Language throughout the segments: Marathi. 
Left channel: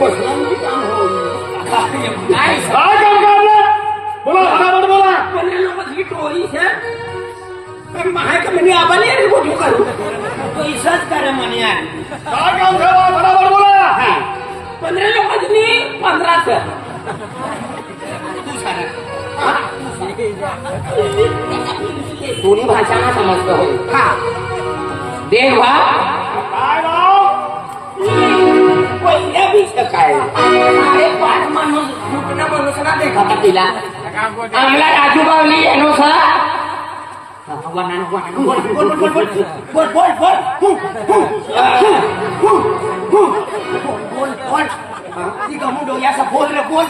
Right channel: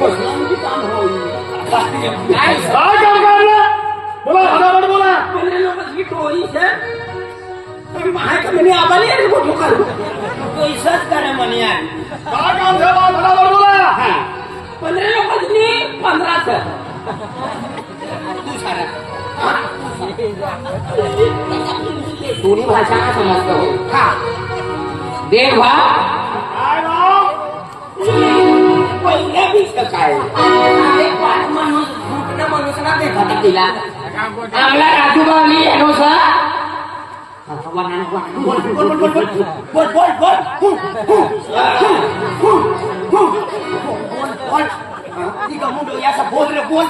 कसलं काम होईल काय काय काम काढलं बोला फटाफट बोला 15 लोकांची टोळी છે महाय का મને આવાની યાર મોટું કરું તો ઈસસ કરે મને યાર काय काम झालं फटाफट बोला 15 लोकांनी 15 सर तू सारा थोडी भाषा नाही समजतो हा देख भा काय भाव पहिल्या बीच काय एक पाच माणूस मोठा माणूस ना देखा तिला आमला राजू बावली येनो सर वनान वनान बोल बोल बोल बोल बोल बोल बोल बोल बोल ती गमुडो याचा बोल रे बोल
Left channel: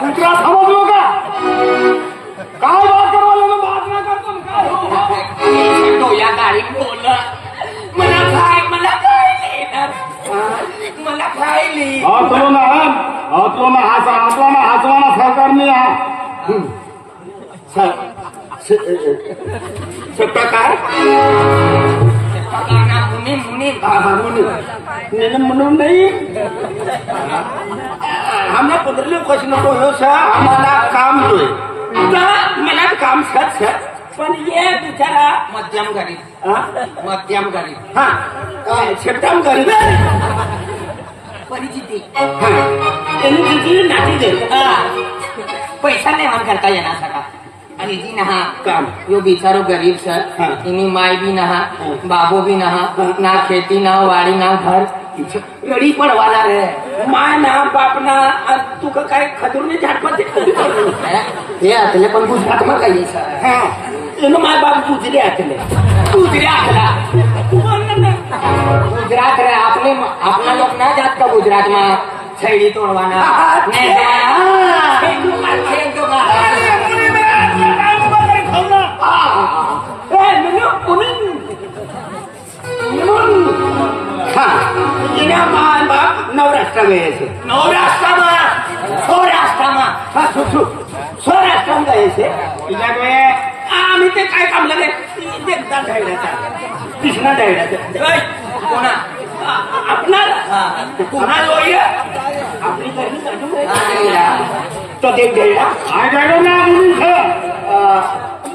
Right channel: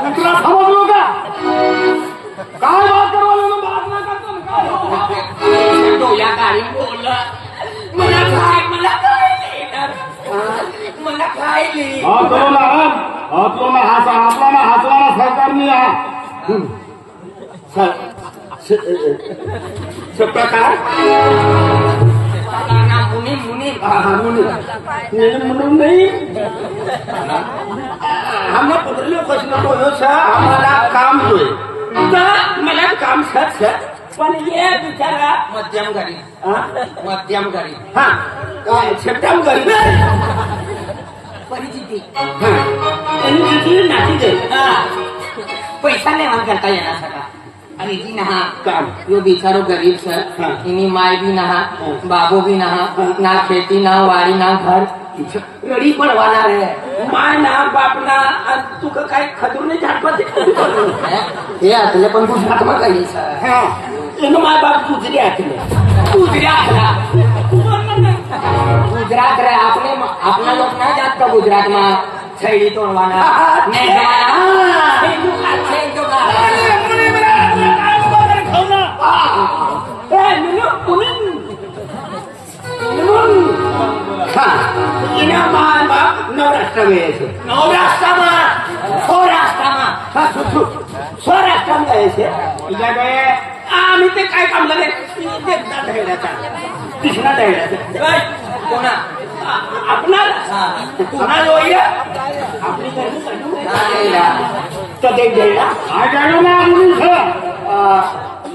कुत्रा समजलो का काय बात करवाले तो बात नाही करतो काय तो या गाडी बोल मला खायली आपलो ना हसवाना सरकारने प्रकार मुनी मुनी म्हणून नाही हमने 15 लोग बोलो सर हमारा काम जो है मला काम सर सर पण ये बिचारा मध्यम गरीब मध्यम गरीब हा छटम गरीब परिस्थिती त्यांनी किती नाटी दे हा पैसा निर्माण करता येणार सगळा आणि जी नहा काम यो बिचारो गरीब सर इनी माय भी नहा बाबो भी नहा ना खेती ना वाडी ना घर रडी पडवाणार आहे माय ना बाप ना तू का काय खदूरने झाडपत हे आतले पण गुजरात मग काही सर એનો મા બાપ ગુજરાત ને ગુજરાત રે આપણે લોક ના જાત તો ગુજરાત માં છેડી તોડવાના નવરાષ્ટ્ર ગયે છે સૌરાષ્ટ્રમાં ગયે છે બીજા ગયે आम्ही ते काय काम लगे एकदा ढायड्याचा तिसरा ढायड्याचा कोणा आपणार कोणा लोय आपली तो देख ढायडा काय काय ना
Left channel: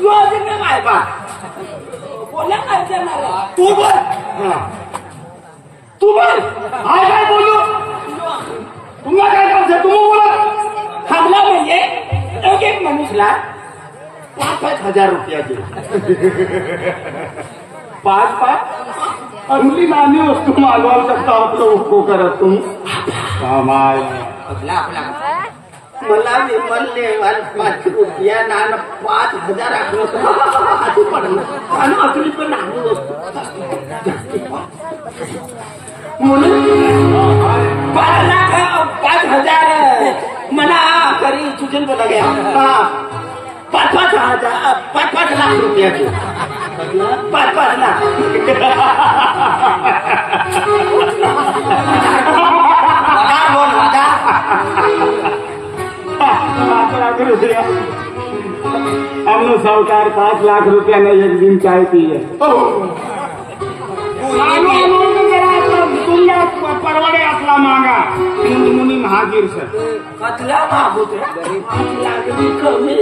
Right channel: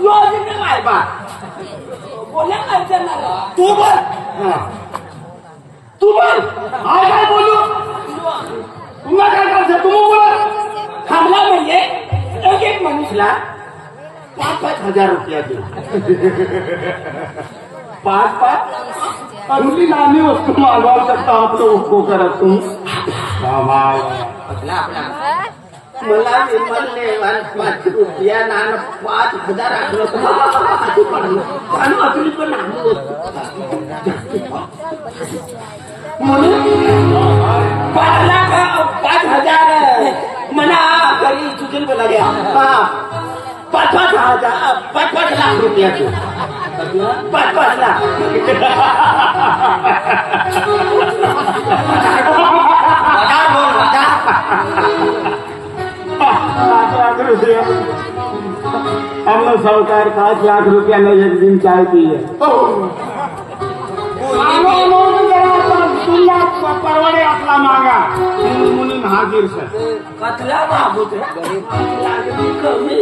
योजना माय बा बोला काय करणार तू बोल काय बोलू तुम्हाला काय करायचं तुम्ही बोला हमला म्हणजे एक मनुष्यला 5-5 हजार रुपया दे 5-5 अगली नानी वस्तू मागवायला शकता आपलं उसको करत तुम्ही आपला मला विमलने 5 रुपया नान 5,000 राखलं आणि अगली पण नानू म्हणून 5,000 मला करी तुझे बोला गया 5-5 लाख रुपया के 5-5 लाख बोल 5 लाख रुपया हमने सरकार 5 लाख रुपया ने एक दिन चाय पी है परवडे आपला मांगा मुनी महागीर सर कतला बाबूत लागली कमी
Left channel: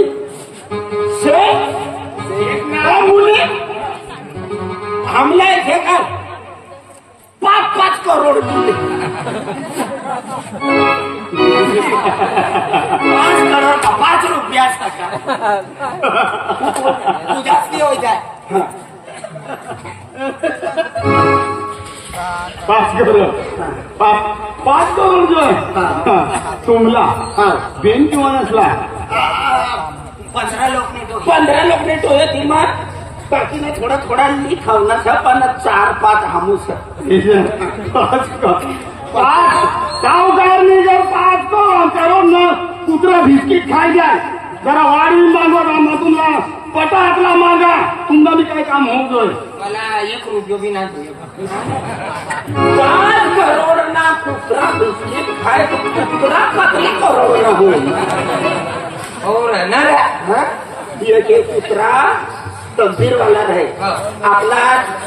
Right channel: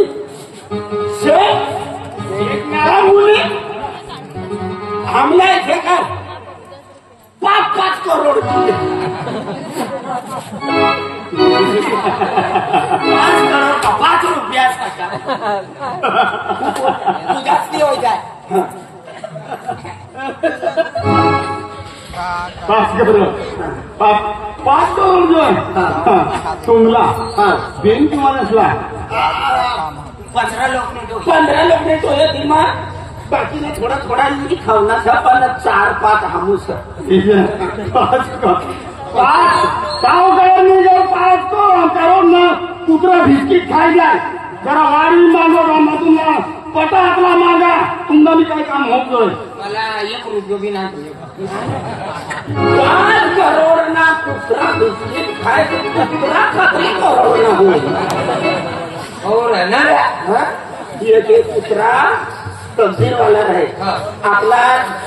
मुली हमला इथे काय 5-5 करोड दिले 5 करोड 5 रुपया सका तू जास्ती हो जाए 5 करोड 5 करोड जो आहे तुमला बेन किंवा नसला 15 लोग ने टोले थी मां बाकी ने थोड़ा थोड़ा नहीं खाना था पर 4-5 हमूस सावकार मी जर 5 करो न कुत्रा बिस्किट खाय जाय जरा वाढवी मागवा तुम्हाला पटा हातला मागा तुमचा मी काय काम होतोय मला 1 रुपया भी नाही 5 करोड ना कुत्रा बिस्किट खाय कुत्रा 15 करोड ना होईल और ना रे ये के कुत्रा तंबीरवाला आहे हा. आपला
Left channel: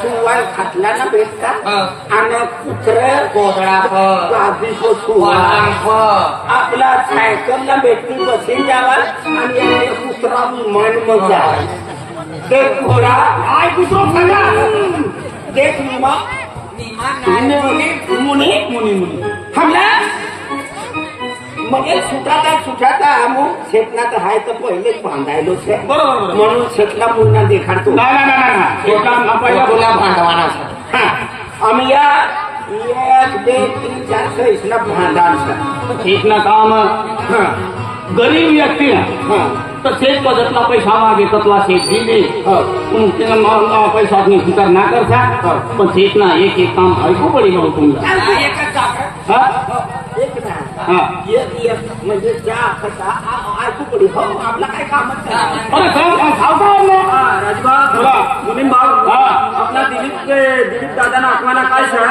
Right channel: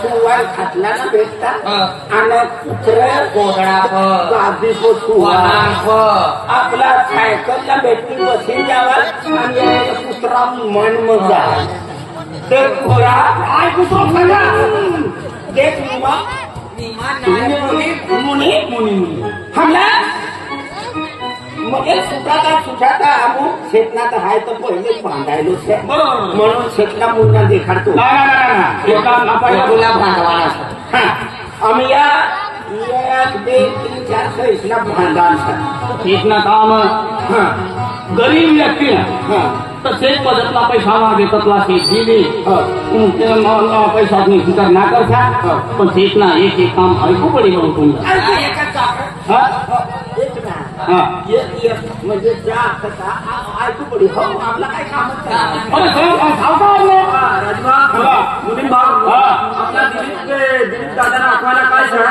सुवान खाटला ना भेटता हा. आणि कुत्र कोगडा फ. गादी को सुवान वनांग फ. आपला सायकलला भेटती बसून जावा आणि याने कुत्रा मन मजा ते कुत्रा काय कुत्रा सांगा देख विमा मुनी हमला म्हणजे सुटाता अमुक शेतनात हाय तर पहिलेच बांधायलोच आहे बरोबर. म्हणून शेतला मुन्ना देखाडतो तुला भांडवाना आम्ही या 1 2 3 4 6 ला भांडार शेतना काम गरीब व्यक्ती तर शेत पदतला पैसा मागे ततला शेत दिले पैसा तुम्ही स्वीकार ना करता पण शेतना एक काम ऐकू पडी म्हणून तुम्हाला म्हणजे जा ऐकू पडी हो आपला काय काम अरे सावकार राजभा मुलीम भाव आपला दिलीप दादा आखवाना काय सर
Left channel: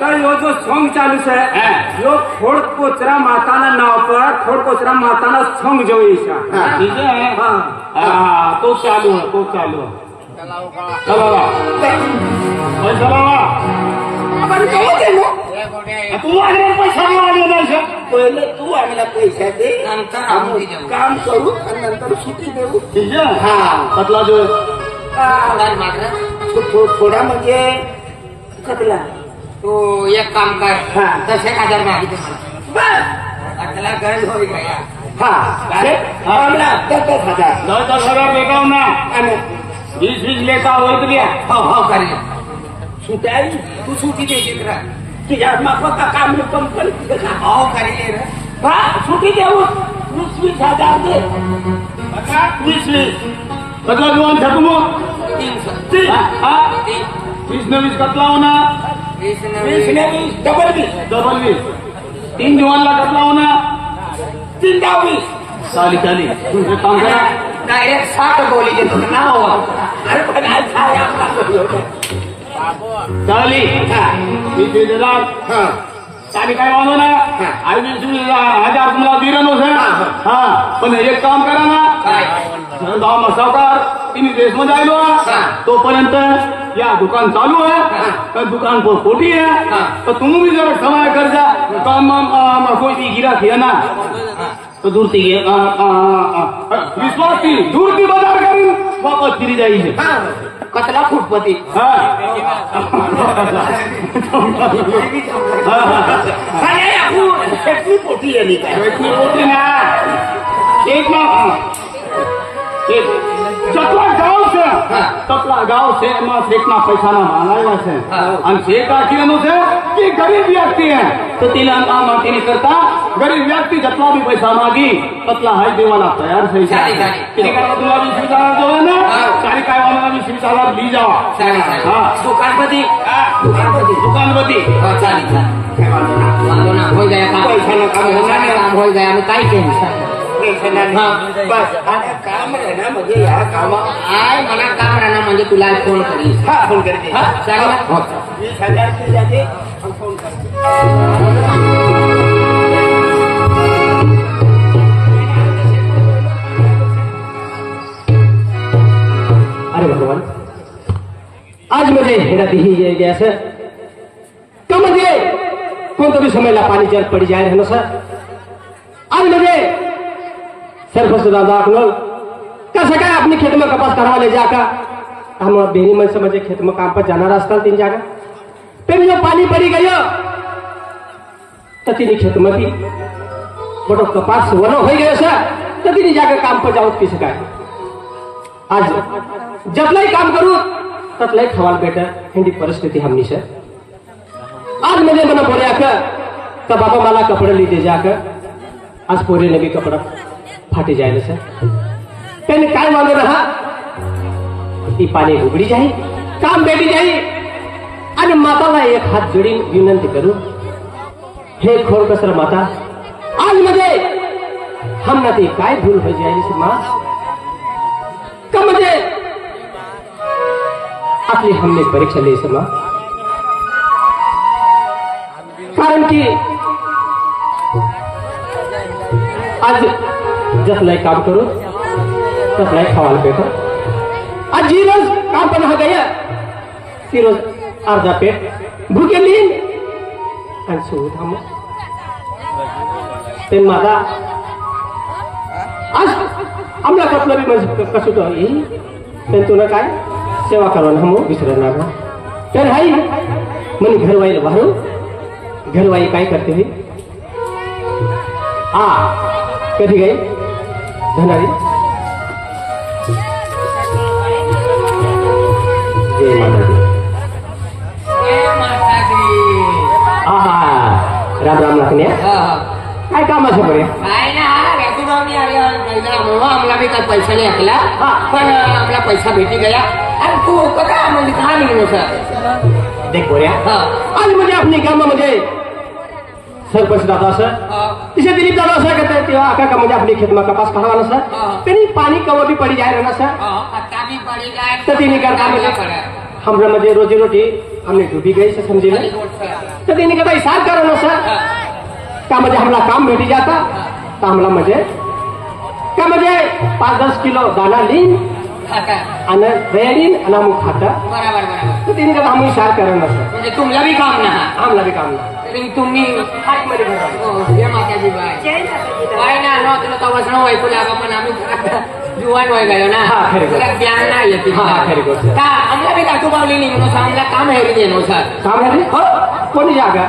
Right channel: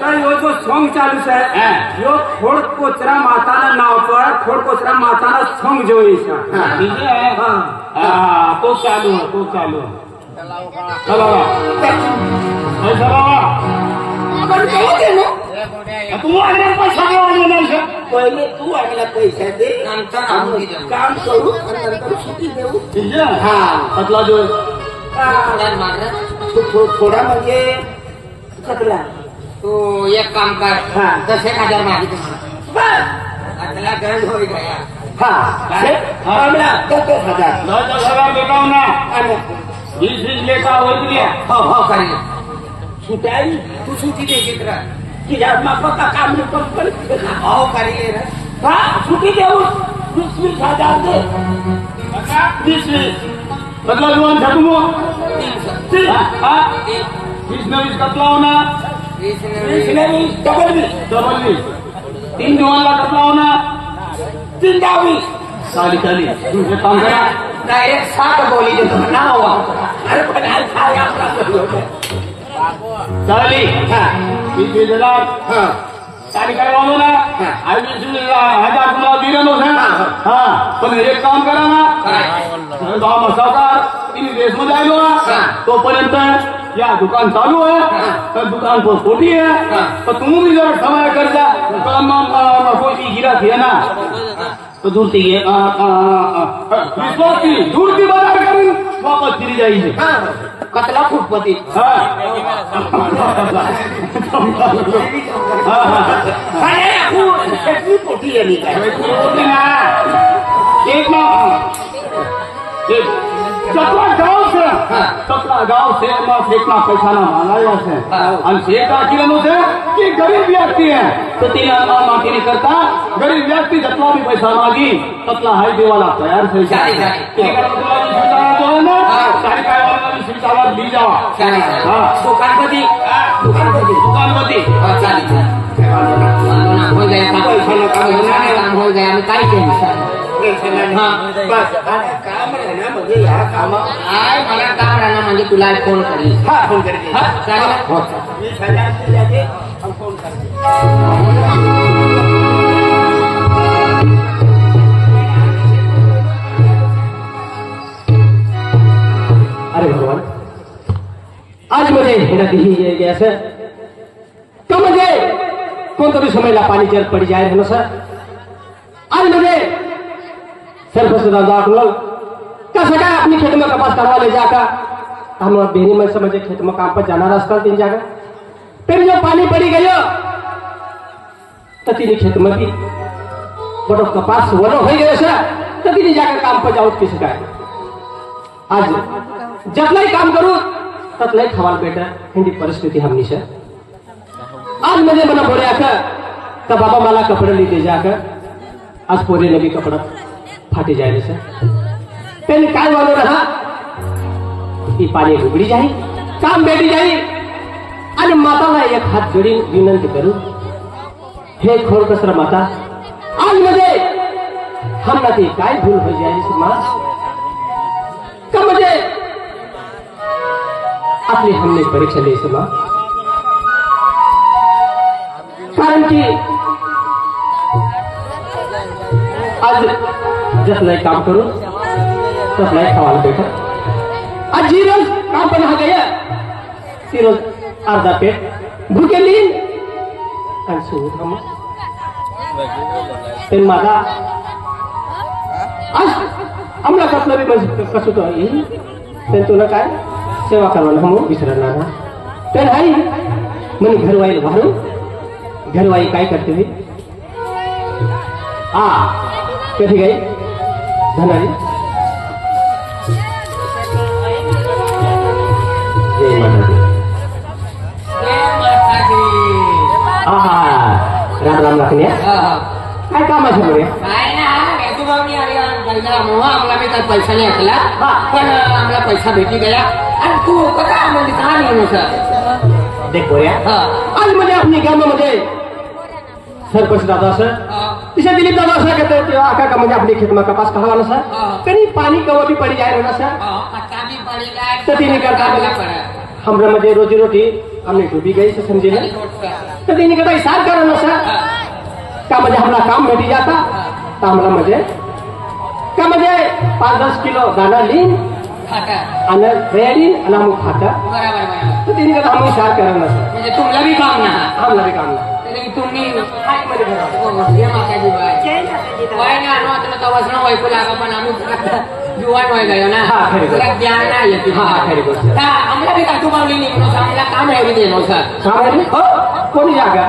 काय यो जो सॉंग चालू है यो खोड कोचरा माताना नाव पर खोड कोचरा माताना सॉंग जो तो चालू चलो पैसा लावा तू आम्हाला पैसा नाही सर पहिले तू आम्हाला पैसा दे नंतर आम्ही देऊ. काम करू आणि नंतर सुट्टी देऊ ततला जो थोडा म्हणजे कतला तो एक काम कर हा. 10,000 मागितलं मला अकला गंज होई गया. आम्हाला 10,000 10,000 बेटा ना आणि 20 लेखा वर्ग घ्या हो करी सुटाई तू सुटी दे चित्र तुझ्या मापका काम कंपनी हो करी ले रे. हा सुट्टी देऊ 20,000 दे 20 बदला जुवान थकमो 300 20 न 20 कतला होना 20 डबल 20 3 जुवानला कतला होना 3 20 चाली तुमचं काम करा डायरेक्ट 7 बोली देतो ना हो. अरे पण आज काय आपला चाली 20,000 चाली काय वाजव ना हा. 20,000 तुम्हाला दिलं नव्हतं हा पण एक काम करा ना काय गाव सावकार तुम्ही देशमध्ये आलो तोपर्यंत या दुकान चालू आहे तर दुकान को खोटी है तो तुम्ही भी जरा समय कर जा दुकान में कोई भी गिरा किया ना तो दूर थी विश्वास थी दूर की बाजार करी वापस फिरी जाइए कतला फुटपती शेतली पोटी आली काय तपला गाव से फेकना पैसा ना मांगायला से आणि शेत आखिरनु से की गरीब व्यक्ती है तो तिला मागणी करता गरीब व्यक्ती जतला भी पैसा मागी ततला हाय देवाला तयार થઈ જાય तुला भी सुविधा जो है ना सारी काय वाला भी सुविधा ली जावा दुकानपती वांदो ना हो गया काम हो गया मी काय केलं बस काम राहणार म्हणजे या कामा मला काम राहणार म्हणजे तुला फोन करीन फोन करते 20,000 जाते हम फोन करते अरे भगवान आज मुझे हेरा दी ये गया सर तो मुझे कौन तो भी समय ला पानी जल पड़ी जाए रहना सर आज मुझे कैसे क्या अपनी खेत में कपास करवा ले जाकर हम बेरी मन से मुझे खेत में काम पर जाना रास्ता तीन जाकर फिर जो पानी पड़ी गई तो तीन खेत में भी बड़ो कपास वनो हो गए सर तो तीन जाकर काम पर जाओ किस का आज जब नहीं काम करूं तब नहीं खवाल बेटा हिंदी परिस्थिति हमनी से आज मुझे मन बोले आकर का बाबा माला कपड़े लेते जाकर आज पूरे नवी कपड़ा फाटी जाए सर पेन काय मानो रहा ही पाणी उघडी जाई काम बेटी जाई आणि माताला एक हात जोडी विनंती करू हे खोड कसर माता आज मुझे हम ना ते काय भूल हो जाए माँ का मुझे आपली हमने परीक्षा ली माँ कारण की आज जस नाही काम करू तस नाही खावायला भेटत जी रोज काम पण हा गया ती रोज अर्धा पेट भूके लिहिन आणि सोबत हा मग ते माझा आज आम्हाला कसलं बी म्हणजे कसं तो येईल पण तुला काय सेवा करवाना हम विसरणार ना तर हाय म्हणे घरवाई वाहून घरवाई काय करते मी कधी गई धनारी जय माता दी राम राम लागणे काय काम आहे बरे काय ना राजूभाऊनी आम्हाला मी काय पैसा नाही असला पण आम्हाला पैसा भेटी गया आणि तू कसा म्हणजे कहा निघलो सर देख बोऱ्या आज म्हणजे आपली कामामध्ये सरपंच दादा सर इसे दिलीप दादा सर कहते हैं कि आका का मुझे अपनी खेत में कपास कहवाना सर कहीं पानी कवा भी पड़ी जाए ना सर भी पड़ी जाए तो तीन का हमरा मुझे रोजी रोटी हमने डूबी गई से समझे ना तो तीन का हिसाब करो ना सर का मुझे हमला काम भेटी जाता तो हमला मुझे का मुझे 5-10 किलो दाना लीन आणि रेडी आणि हम खाता बराबर बराबर तो तीन का हम हिसाब करो ना सर म्हणजे तुमला भी काम ना हमला भी काम ना तुम्ही काय ना न तुला कवच न वाईकू लागा पण आम्ही जुवान वाय गयो ना जरा ज्ञान नाही येते खरी गोष्ट का आम्हाला बी राजूभाऊनी निघलो आम्हाला काम होरी देणं सर काम म्हणजे कोणी जागा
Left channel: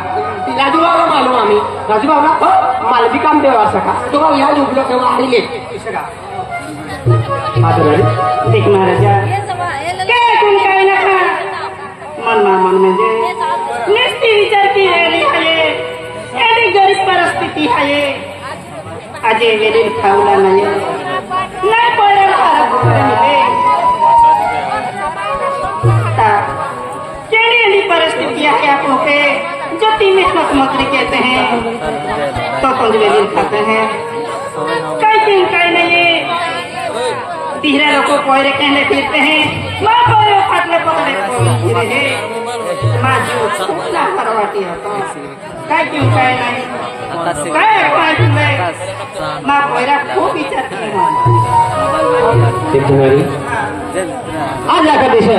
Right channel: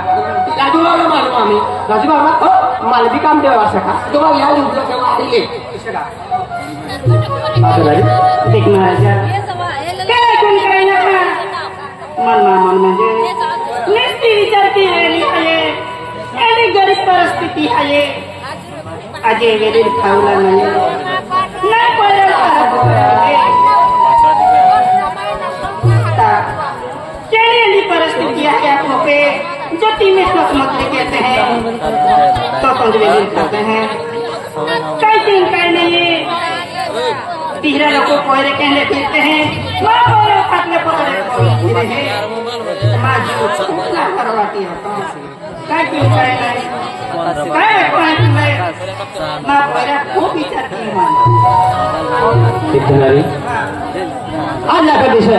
राजूभाऊला मालूम आम्ही राजूभाऊ ना मला बी काम देवा असं का राजूभाऊ या उठलो तेव्हा आले देख महाराजा मन म्हणजे नुसती विचार की आणि गरीब परिस्थिती आहे अजय वेळेल खावला नाही पड़ेली परिस्थिति है आपको पे जति में मछली कहते हैं तो पंगवेली खाते हैं कई दिन कई नहीं तीसरे लोग को कोयरे कहने फिरते हैं माँ कोयरे खाते कोयरे माँ जो करवाती है कई दिन कई नहीं माँ कोयरा खूब विचार कर आज आका देश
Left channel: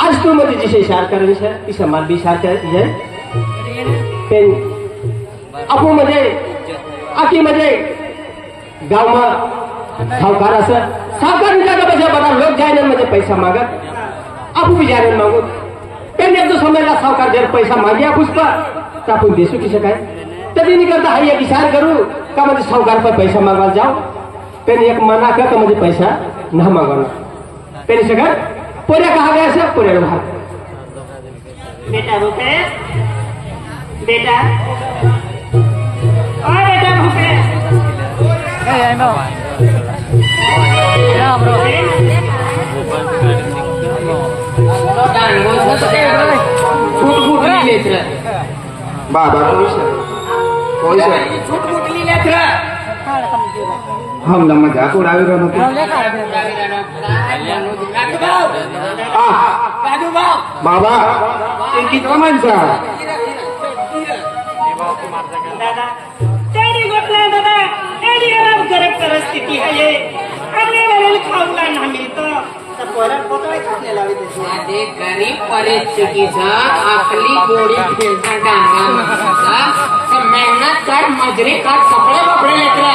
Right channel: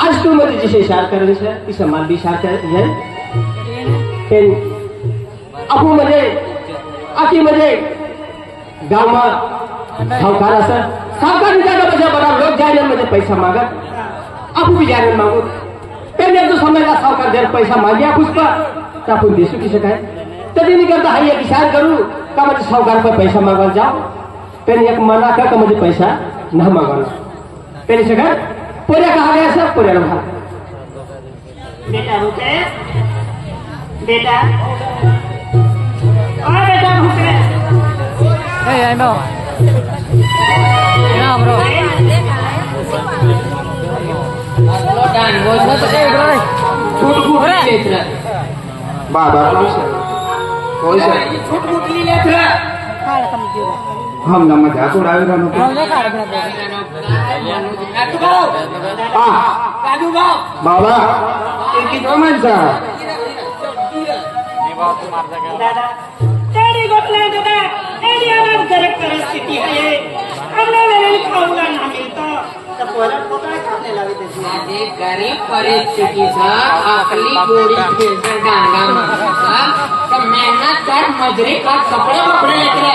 आज तू मध्ये जिसे इशार करेल છે ती समाल भी इशार करे पण आपू मध्ये आकी मध्ये गावમાં सावकार असं सावकार जागा बजा बड़ा लोग जायला मध्ये पैसा मागत आपू भी जायला मागत पण एक दो समयला सावकार देर पैसा मागे आपूस का तर आपण देसू की काय तरी नहीं करता हाई एक इशार करू का म्हणजे सावकार पर पैसा मागवा जाओ पण एक मना का म्हणजे पैसा ना मागवाना पण सगळं पोऱ्या कहा गया सर पोऱ्याला भाग बेटा भूखे बेटा ओ बेटा भूखे बाबा कोई हम ना मजाक उड़ावी रहा राजूभाऊ बाबा इनकी माणसा दादा तेरी घटना दादा तेरी आवाज गरज परिस्थिती आहे आपल्याला खाऊला ना मिळतो तर परत पोतळे खाणे लावे माझे गरीब परिस्थितीचं आपली गोडी खेळता डांगा मारायचा तर मेहनत कर मजुरी कर कपडे बपडे लेकर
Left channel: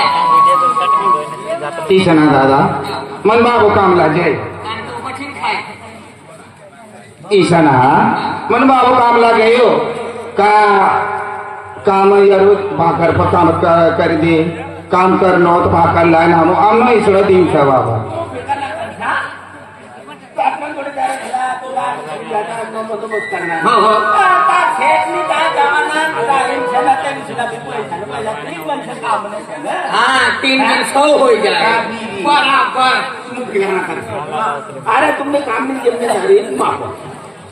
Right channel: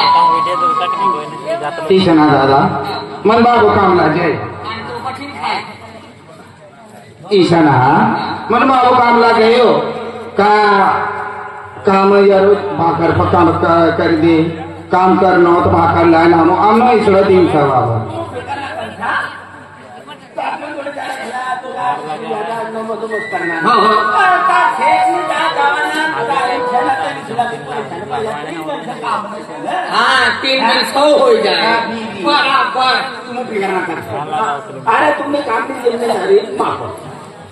तीसना दादा मन बाबू कामला जय कठीण खाय ईशाना मन बाबू कामला गयो का काम यरो भाकर पर काम कर दे काम करनो तो भाकर लाइन हम आमना इसड़ा दिन था बाबा हाँ 3 दिन 100 हो जाए बराबर तुम फिक्र ना कर अरे तुमने काम में जिम्मेदारी माफत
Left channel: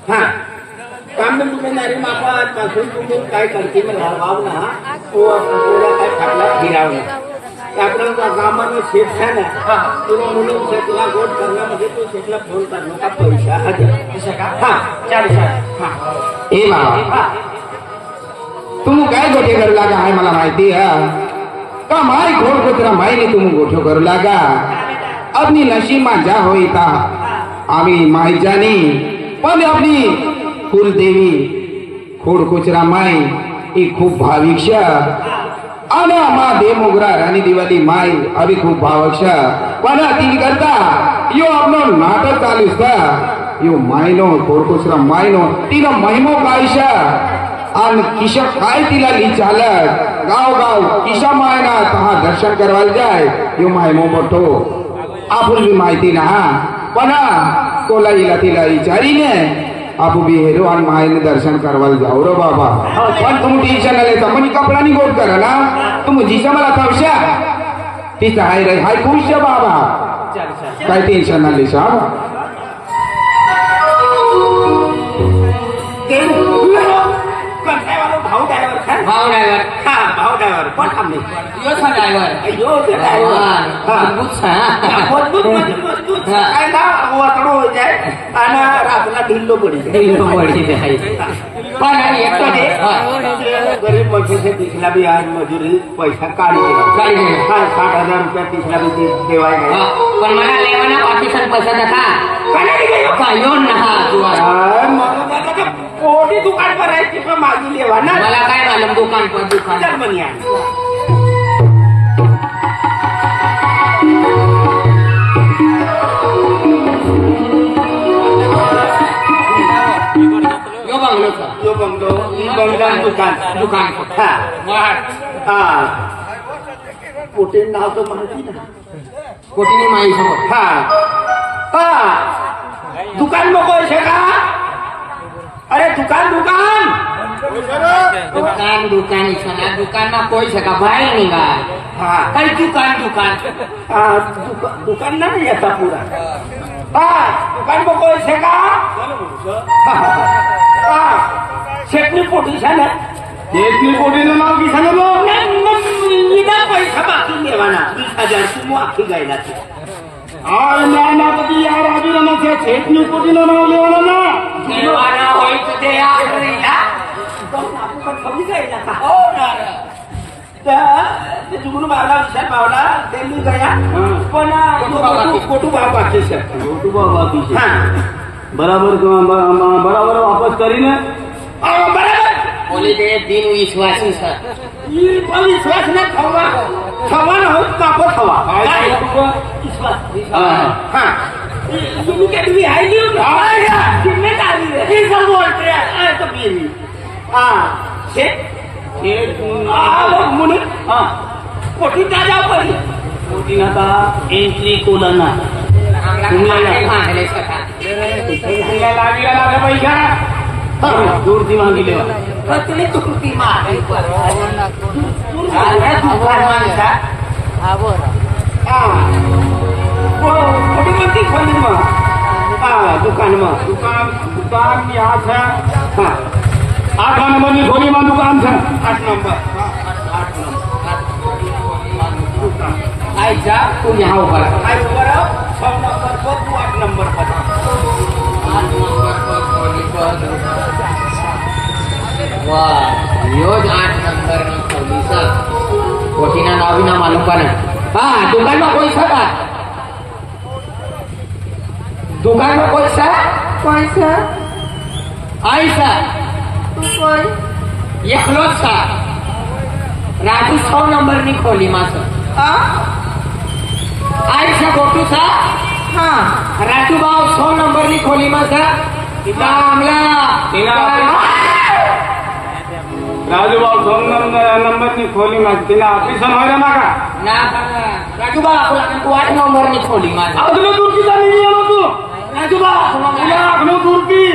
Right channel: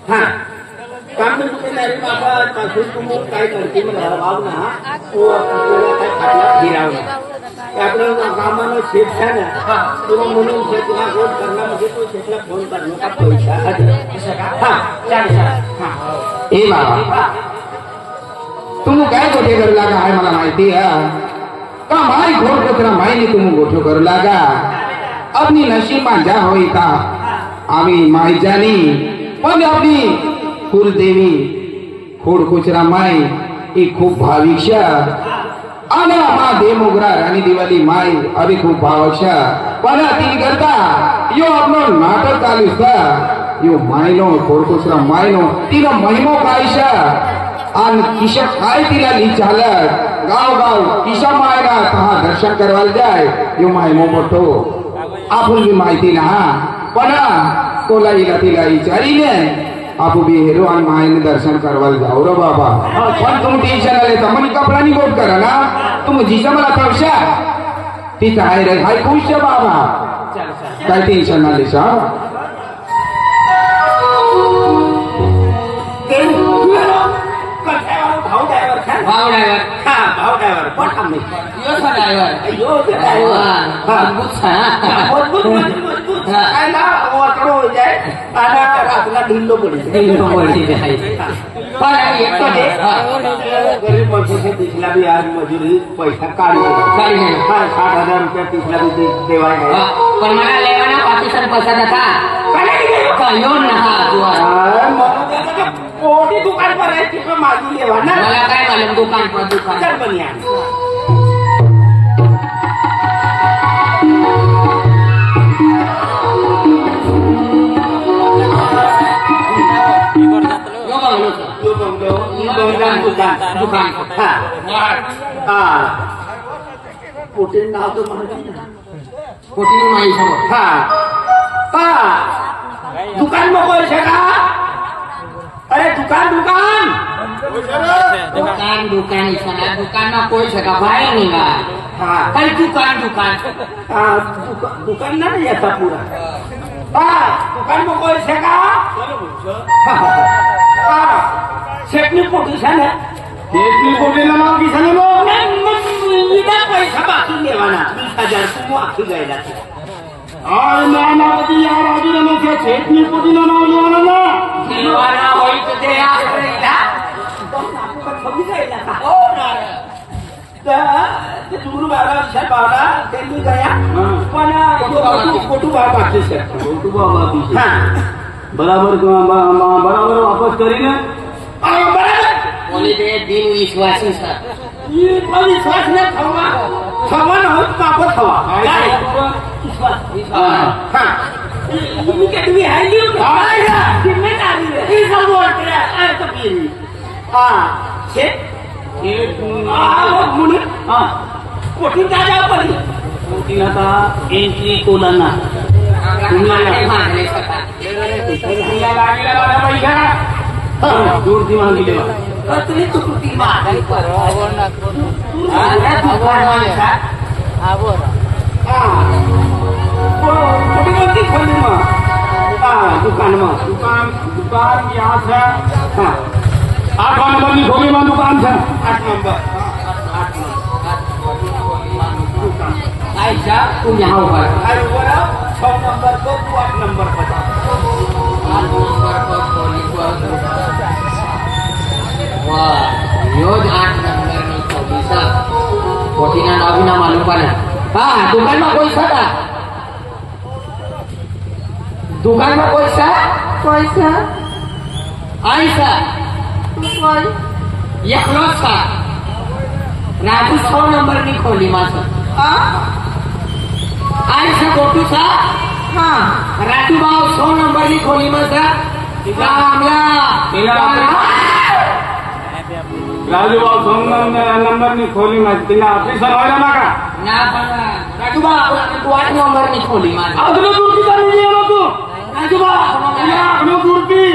हाँ काम में जिम्मेदारी माफत पासून तुम्ही काय करते में भाव ना तो आपल्याला काय खाटला गिरावना आपल्या कामानं शेत ना तुला म्हणून शेतला गोट करणं म्हणजे तो शेतला फोन करणं का पैसा हजर हाँ चालेल हाँ ए बाबा तुम काय गोटे करू लागा आहे मला माहिती आहे का माय घोट गोटला माहिती तुम्ही गोठो करू लागा अपनी नशीब में जा होई था आम्ही माई जानी पण आपली कुलदेवी खोडकोचरा माई ही खूप भाविक्षा आणि मा देवमोगरा राणी दिवाली माई अभी खूप भावक्षा पण ती करता यो आपलो नाटक चालू था यो मायनो खोडकोचरा मायनो तिला महिमो कायशा आणि किशा काय तिला चालत गाव गाव किशा मायना तहा दर्शन करवायला जाय यो महिमो मोठो आपण बी माहिती ना पण तोला इला तिला विचारीने आपू बी हेरो आणि मायने दर्शन करवायला जाऊ रो बाबा पण तुम्ही टेन्शन आले तर मनी कपडा नि गोट करा ना तुम्ही जिसा मला पावशा तिचा हाय रे हाय खुश बाबा काय टेन्शन आले सा भाऊ ड्रायव्हर भाव ड्रायव्हर भाऊ ड्रायव्हर पण आम्ही यो था ड्रायव्हर मजबूत मजबूत काय ना वाकडो हो जाय आणि रातला ढिल्लो पडी गरीब मजूर से तिसला भी आज मजुरी पैसा काढी 60,000 रुपया तिसला भी देवाय पण मला लेवाना पाकिस्तान पसंत था यो नहा कोटी दुकान पर आहे तिथं मागून लेवा ना मला काय मालूम दुकान पर दुकान चल बनिया यो बंगलो जो बंगलो दुकान हा पोटे नाव तो माहिती ना कोटीनी माई समोर हा दुकान में कोई का अरे दुकान दुकान में कोई सका भाई नहीं गा कई दुकान नहीं ऐसा पूरा दुकान में कोई सेगा शेटनी पोजिशन है शेटनी पोजिशन नाव किसान इधर पैसा बाकी लेवाना 20,000 तुम आखी गयला नानापती यार अभिरामाच्या शेटनी पोटीला नाव लेवाना ना देवाना होई तो दे चुकून बाबा विशाल बावला त्यांनी गया पण खोटू भाव बाकी सर खोटू भाव बाकी बराबर वापस करीने बराबर बोले दे दिन विश्वासी सर विश्वास न खवा न हो कापत हवा तुम्ही आहे म्हणून कोठी त्या जाऊ पडी कोठी आता एंट्री कोलाना लागला पैसा दूरची मागिले तुम्ही चुकती मागली खोटी कोणती खोली मग दुकान यहाँ से 8 नंबर की खोली में दुकान से 8 नंबर आई जा तू यहाँ ऊपर आई ऊपर आओ 6 नंबर को तू 8 नंबर पर 8 नंबर को खोली वाह योज 8 नंबर नी खोली सा कोठी ना नाव ना मालूम पण हाँ दुकान में कोई सा दुकान में कोई सा आई सा एकलोच सा राजू 100 नंबर नी खोली मासा आई सा गोटू सा राजू भाव 100 नंबर नी खोली मासा राजू भाऊ 100 नंबर नी खोली माझी तिला ऑफिसर व्हायला ना का राजू भाव तू 8 नंबर नी खोली मासा अजून तुरकी चालू येणार तू राजू भाऊ तुला अजून तुरकी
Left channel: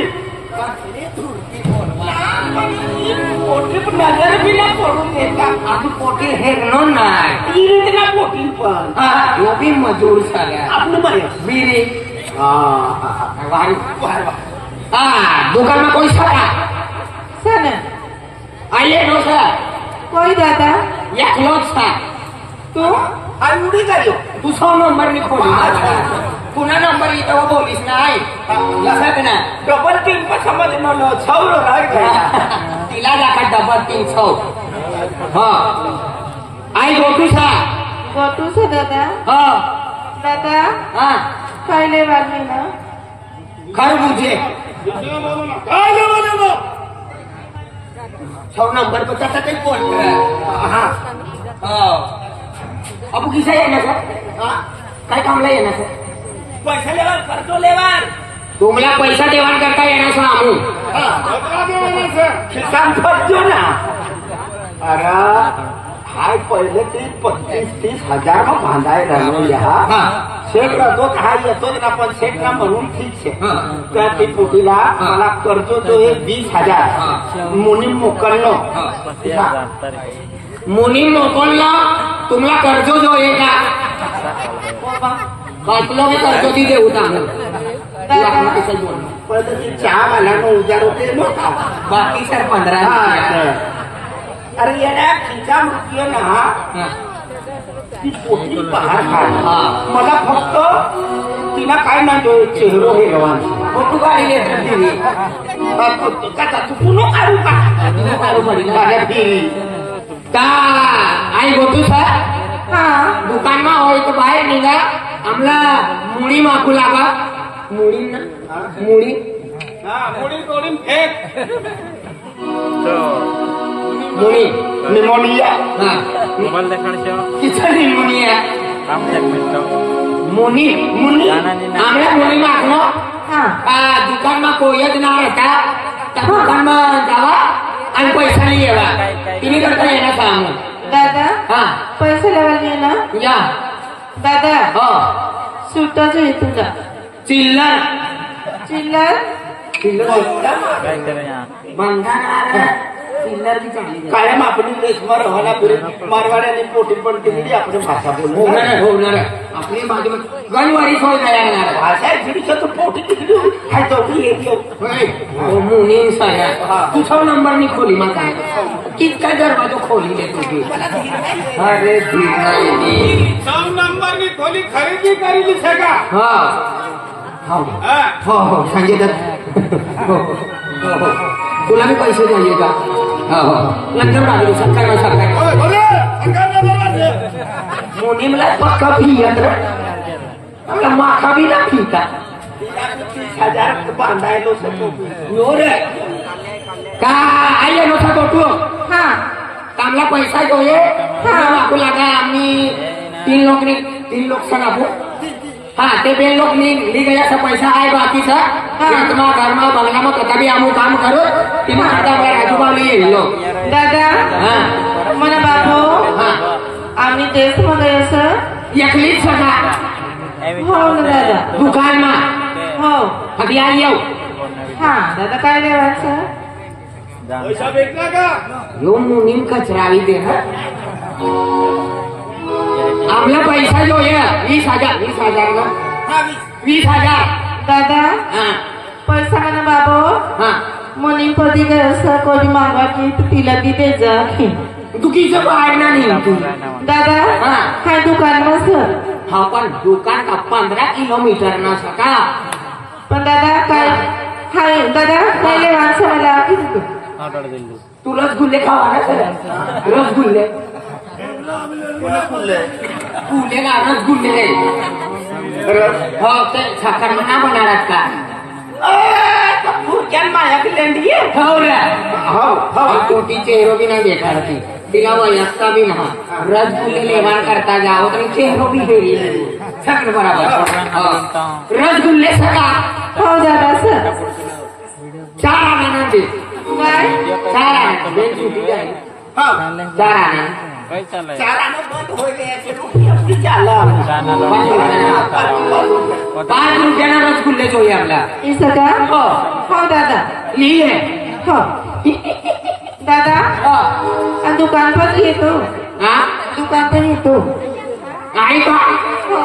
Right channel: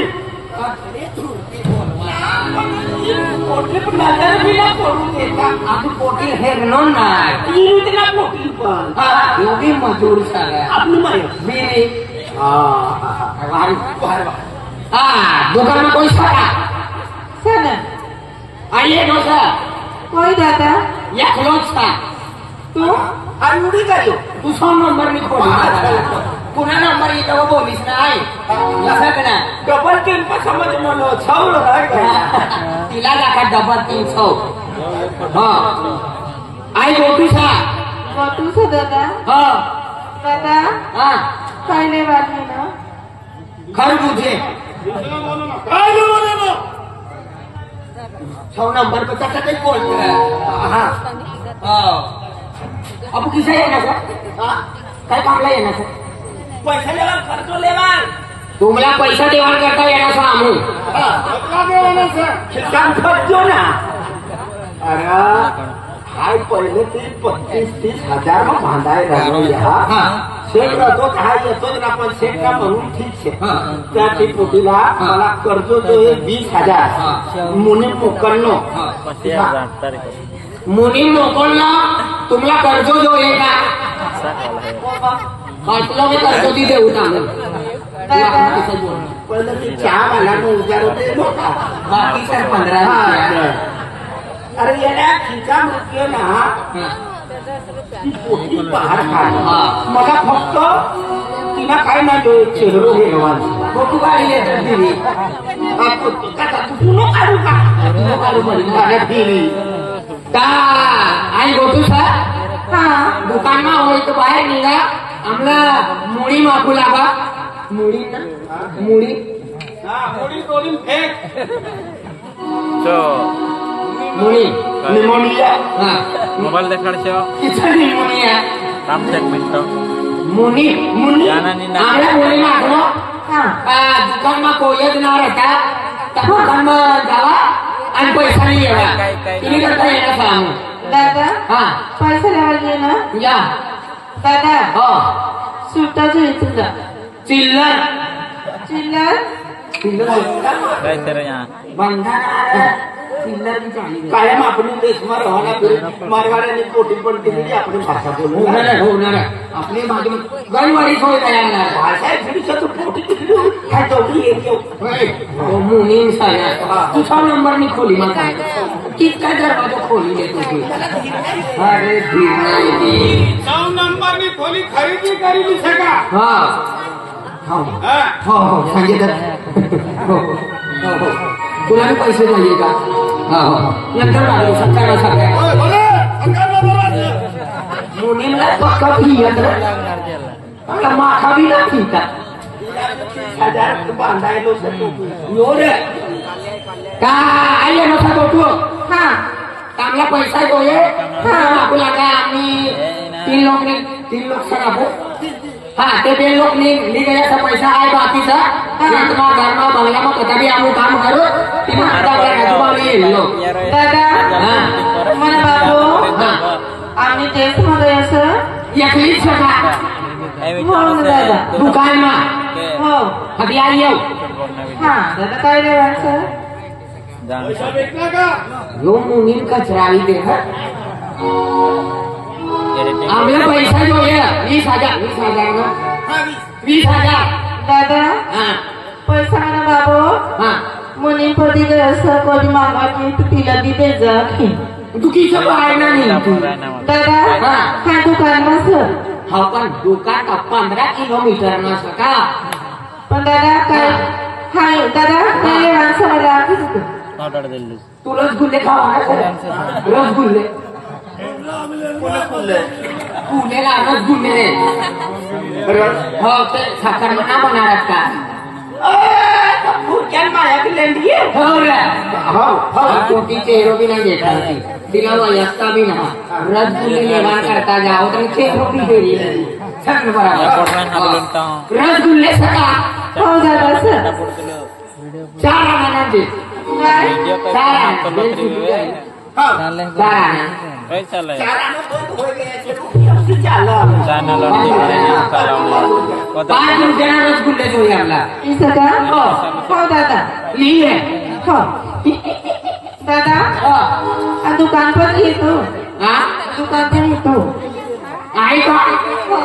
नजर बिना सोडून देता अजून पोटी हेरणो नाही तिला पोटी पण वो भी मजूर सारा आपलं बाई बीरी दुकान में कोई सारा सना आइए नो सर कोई दादा एकलोच सा तू आणि उडी जायो तू 100 नंबर नी खोली पुन्हा नंबर येतो वो बोलीस नाही लक्षात ना डबल 3 पर समज म्हणलो 6 नाही तिला जाका डबल 300 हाँ आई गोटू सा गोटू से दादा दादा हा काय लेवार नाही ना खरबूजे काय नाही बोललो 6 नंबर पे त्याचा काही बोलत हा हो अबू किसा येणार सर हा काय कामला येणार सर पैसा लेवार खर्चो लेवार तुम्हाला पैसा देवाण करता येणार सर आम्ही का देवाना सर खिशान खर्चो ना अरे हाय पहिले ते 25-30 हजार मग बांधायला हा शेठ तो हा येतोय ना पण शेठ ना म्हणून ठीक आहे हा. त्या ते पोटीला मला कर्ज तो 20,000 मुनी मोकलनो मुनी नोकोलला तुम्हाला कर्ज जो आहे का वाचलो मी कर्ज ती देऊ आपण बोल पहिले ते चहा मला उजार होते मोठा बाकी सर 15 अरे याला खिचा मृत्यू ना ती पोटी बाहेर हा. मला फक्त तिला काय नाही तो चेहरो हे फोटो काढले तू पुन्हा काढू का काढू पडी फिरी का आई गोटू सर हा दुकानमा હોય તો બહાર નીકળા આમલા મૂડી માખું લાગા મૂડી ના મૂડી हा मोडी तोडून फेक મૂડી निमोनिया हा मोबाईल देखाडशो किती निमोनिया काम सेगमेंट मुनी मुनी નાનાની ના આમલા મૂડી માખનો हा દુકાનમાં કોઈ જ ના રહેતા त्या दुकानमा जावा आणि पैसा नाही येवा तिने करता येणार काम दादा हा पैसा लेवार नाही ना या दादा हो सुट्टा जो आहे तुझा चिल्लर चिल्लर काय करया बंधन चिल्लर की चांगली कायम आपण देशमा रवाना मारवाड्याने पोटी पडते म्हणजे आपण भाषा बोलू होणार आपली माझी गणवारी सोय काय येणार भाषा फिरीचं तर पोटी तिकडे काय चौकी येतो मुनी साया तुझा नंबर मी खोली मग कितका दरवाजा खोली देतो तू अरे धीर नाही 9 नंबरनी खोली खरेदी करी का हा हो हो संजय दत्त हो हो तुला मी पैसे द्यायचे का हो नंतर मागे सकाळी मुनी मला पक्का फी यंत्र मला माका बी लागली का 1000 बांधायलो यो रे का आई नव्हता गोटू हा चांगला पैसा जोये मागू लागा आम्ही 3 लोक सण आपू हा ते 2 लोक निघ गयाचा पैसा आहे बाकीचा तुम्हाला घरमा बंगलामा कथा बी आम्ही काम करू तिने आजूबाजू येईल लोक दादा हा मला बाबू हा आम्ही तेच मध्ये असं एकलीच सटा हो ना दादा दुकानमा हो अभी आई येऊ हा दादा काय लेवार सर पैसा भेटला का यो मुनीम कचरावी दे ना आपला पैसा जो आहे 20,000 ना 20,000 दादा हा पैसा म्हणा बाबू हा मुनी पदी गए असं कोणी मागवायची तू तिला दिले जा तू किती बाहेर नाही तू दादा हा. काय दुकान मग सर हा पण दुकान का 15 किलोमीटर ना सका पण दादा काय हाय दादा काय लेवार सर मला ऑर्डर दिली तू रसगुल्ले खावा ना सर रसगुल्ले पुणे का रसगुल्ले रे हो ते साखर मना बनारात का हो रे हो कोटी चेहरो भी नाही भेटणार ती तिला वयस्ता बी ना रसगुल्ले निर्माण करता जाओ तर चेहरो भी देरी सगळं बरोबर रसगुल्ले सका हो दादा सर 4 आणा दे काय 4 आणा 4 आणा काय चाललंय चाललं काय पण देणार रसगुल्ले जोई आपला इसं का हो हो दादा लिहिले हो दादा हो आणि दुकान पण येतो हा दुकान पण येतो आहे का हो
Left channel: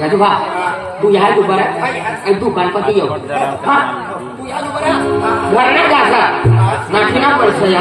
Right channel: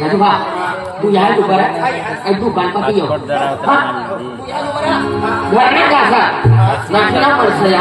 राजू भा तू या दुकान दुकान पाठी येऊ तू या दुकान घर नाही जायचं नाटकीना पैसा